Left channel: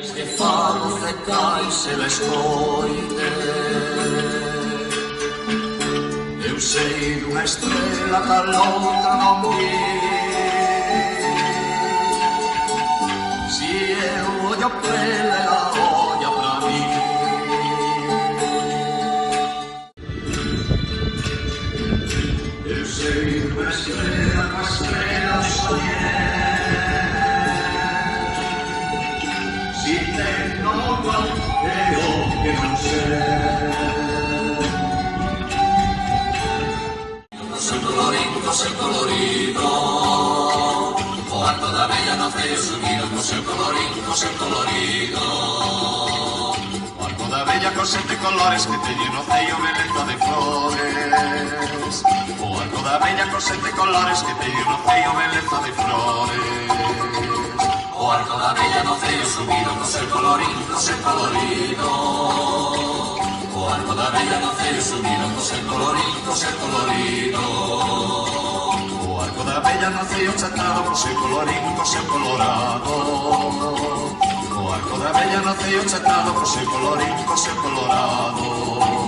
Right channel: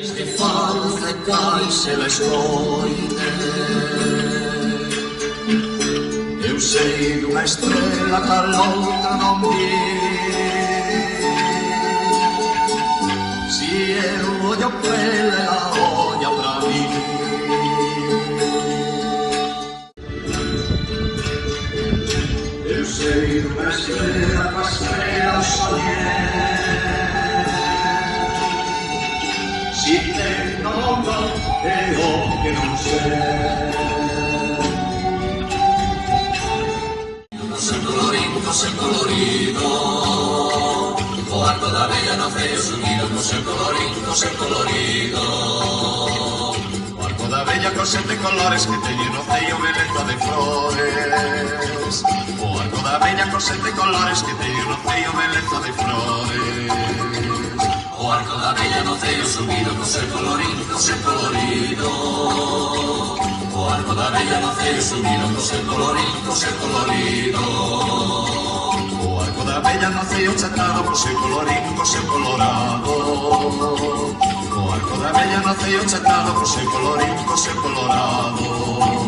Desde falsetarse la escoite eu sei dunha estrela que a outra non vi. Si eu ollo pele a olla pra mí. Eu sei dunha estrela que a estrela soñé. Si ten o non é o que non sei. Seu colorido, o arco da bella nace subido co seu colorido, seu colorido. O arco da bella con 7 colores que teñe no ceio beleza de flores. O arco da bella con 7 colores que teñe no ceio beleza de flores. O arco da bella no ceio subido co seu colorido, seu colorido. O arco da bella no ceio subido co seu colorido, seu colorido. Da bella naceu chatado co seu colorín, co seu colorado. O arco da bella naceu chatado co seu colorín, co seu colorado.